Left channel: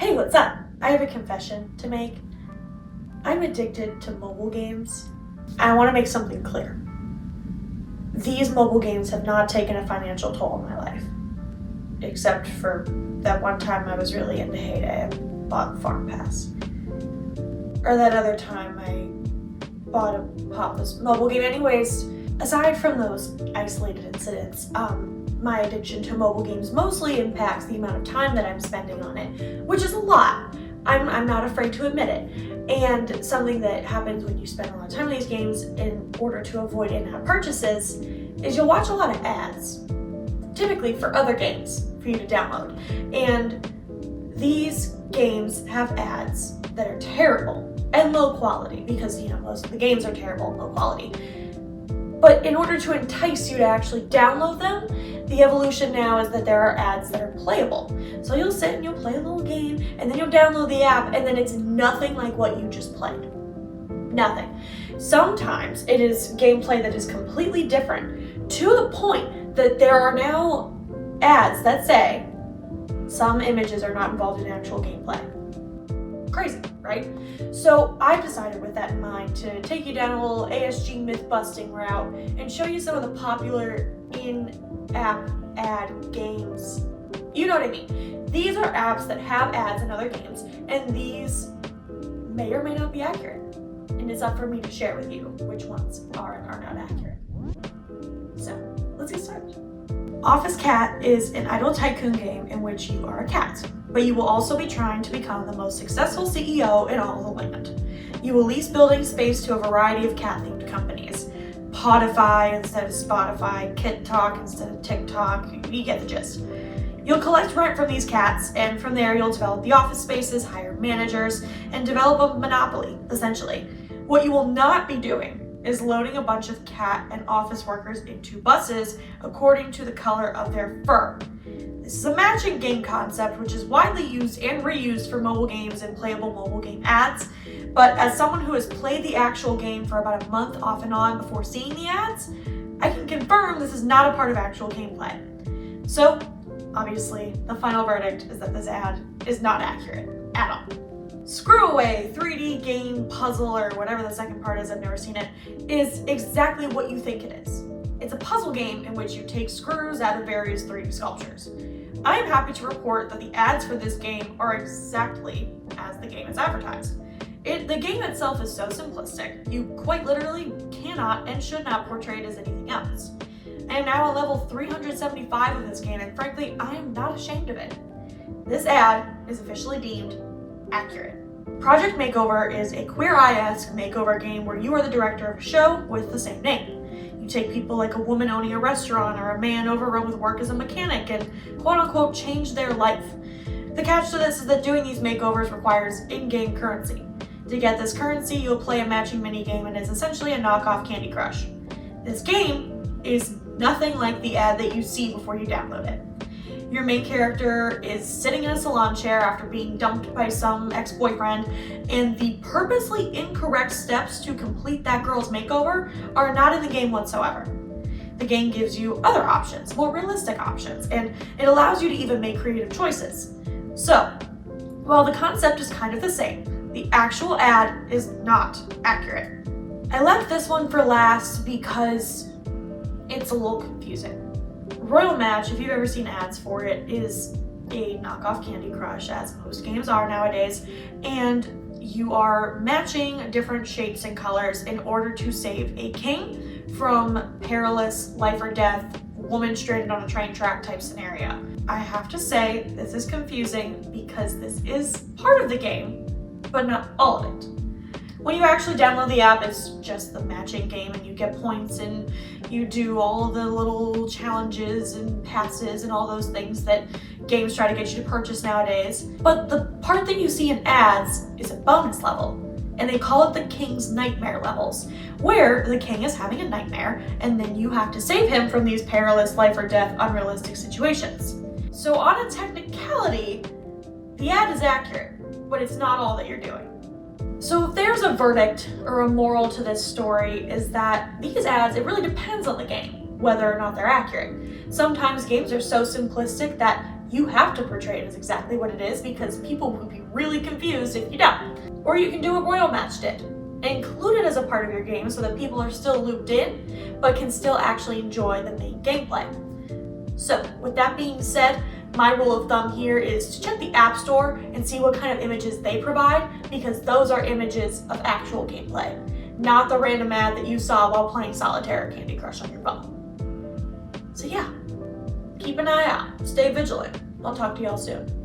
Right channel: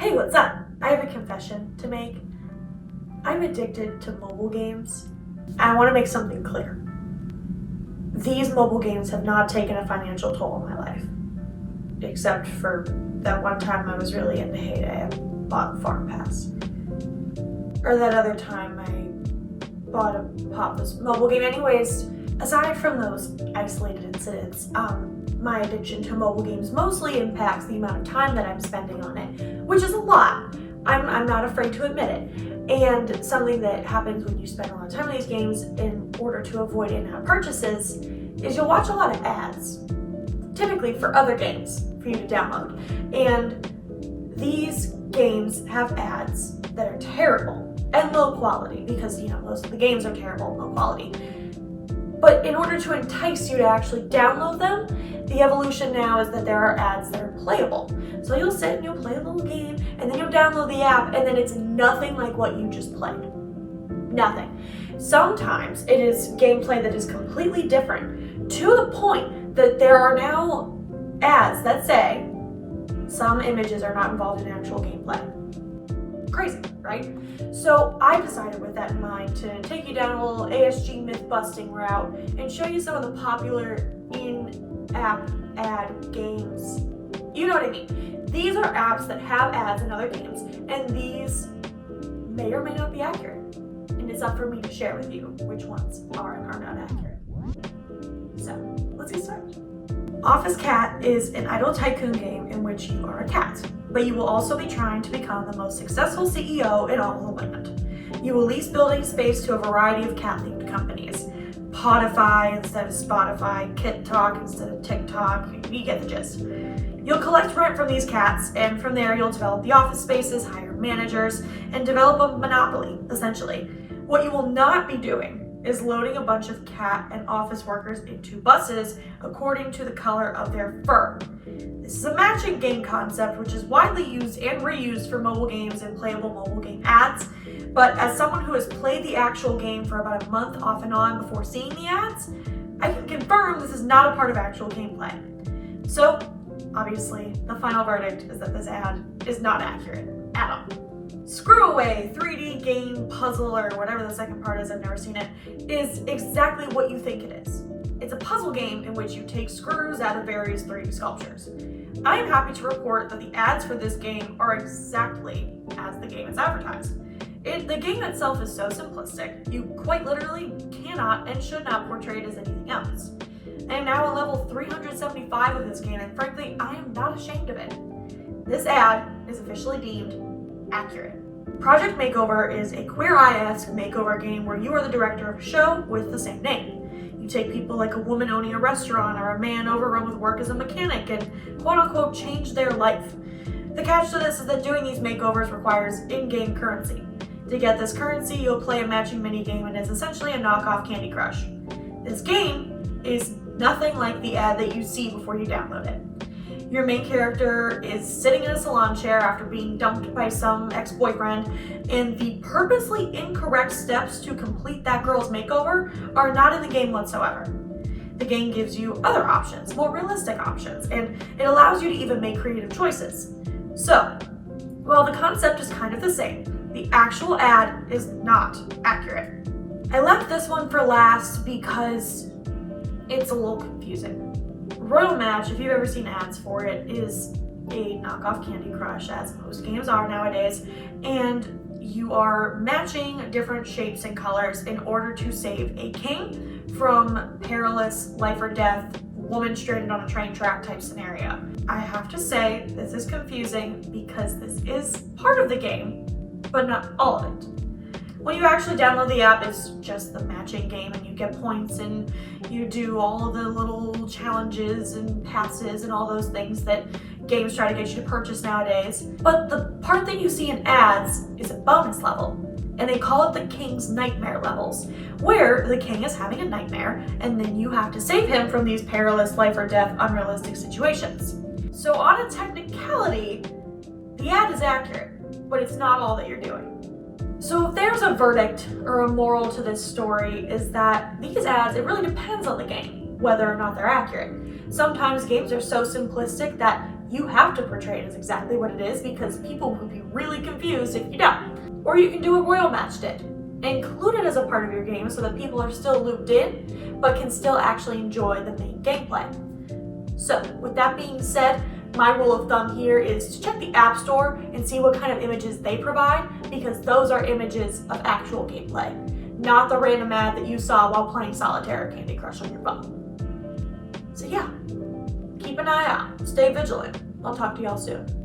Hey, what's up? I have a confession to make. I'm addicted to mobile games. I want to make something clear. These mobile games have not taken a financial toll on my life. Except for that one time I was really into Heyday and bought Farm Pass. Or that other time I bought a Papa's mobile game. Anyways, aside from those isolated incidents, my addiction to mobile games mostly impacts the amount of time that I'm spending on it, which is a lot. I'm not afraid to admit it. And something that happens when you spend a lot of time on these games in order to avoid in-app purchases is you'll watch a lot of ads, typically for other games for you to download. And these games have ads that are terrible and low quality because, most of the games are terrible and low quality. But in order to entice you to actually download them, the evolution now is that there are ads that are playable. So you'll sit and you'll play a little game, and then you'll download the app, and then it's nothing like what you just played. Nothing. Sometimes it is gameplay that is completely different, to the point that there are now ads that say some images are not involved in actual gameplay. Crazy, right? So I decided with that in mind to take you down a little ASG myth-busting route and show you some of the popular in-app ad games. You know what I mean? These are apps that have ads in other games, and these may or may not be accurate. And it's up for me to share with you which ones are and are not accurate. So, let's get started. Office Cat is an idle tycoon game in which you are a cat, but you will also be trying to become the most successful CEO in all of the land. You will lease building space to a variety of cat-themed companies. Podify instead of Spotify, KitTalk instead of TikTok, you get the gist. You'll collect rent from these cats, and from there you'll develop the office spaces, hire managers, and develop a monopoly, essentially. What you will not be doing is loading a bunch of cat and office workers into buses according to the color of their fur. This is a matching game concept which is widely used and reused for mobile games and playable mobile game ads, but as someone who has played the actual game for about a month off and on before seeing the ads, I can confirm this is not a part of actual gameplay. So, obviously, the final verdict is that this ad is not accurate at all. Screw Away 3D game puzzle, or whatever the second part is, I've never seen it, is exactly what you think it is. It's a puzzle game in which you take screws out of various 3D sculptures. I am happy to report that the ads for this game are exactly as the game is advertised. The game itself is so simplistic, you quite literally cannot and should not portray it as anything else. I am now on level 375 of this game, and frankly, I am not ashamed of it. This ad is officially deemed accurate. Project Makeover is a Queer Eye-esque makeover game where you are the director of a show with the same name. You take people like a woman owning a restaurant or a man overrun with work as a mechanic and quote-unquote change their life. The catch to this is that doing these makeovers requires in-game currency. To get this currency, you'll play a matching minigame, and it's essentially a knockoff Candy Crush. This game is nothing like the ad that you see before you download it. Your main character is sitting in a salon chair after being dumped by some ex-boyfriend, and the purposely incorrect steps to complete that girl's makeover are not in the game whatsoever. The game gives you other options, more realistic options, and it allows you to even make creative choices. So, while the concept is kind of the same, the actual ad is not accurate. I left this one for last because it's a little confusing. Royal Match, if you've ever seen ads for it, is a knockoff Candy Crush, as most games are nowadays, and you are matching different shapes and colors in order to save a king from perilous life or death, woman stranded on a train track type scenario. I have to say, this is confusing because this is part of the game, but not all of it. When you actually download the app, it's just the matching game, and you get points and you do all of the little challenges and passes and all those things that games try to get you to purchase nowadays. But the part that you see in ads is a bonus level, and they call it the King's Nightmare levels, where the king is having a nightmare, and then you have to save him from these perilous life or death unrealistic situations. So on a technicality, the ad is accurate, but it's not all that you're doing. So if there's a verdict or a moral to this story, is that these ads, it really depends on the game, whether or not they're accurate. Sometimes games are so simplistic that you have to portray it as exactly what it is because people would be really confused if you don't. Or you can do what Royal Match did. Include it as a part of your game so that people are still looped in, but can still actually enjoy the main gameplay. So, with that being said, my rule of thumb here is to check the App Store and see what kind of images they provide, because those are images of actual gameplay, not the random ad that you saw while playing Solitaire or Candy Crush on your phone. So yeah, keep an eye out, stay vigilant. I'll talk to y'all soon.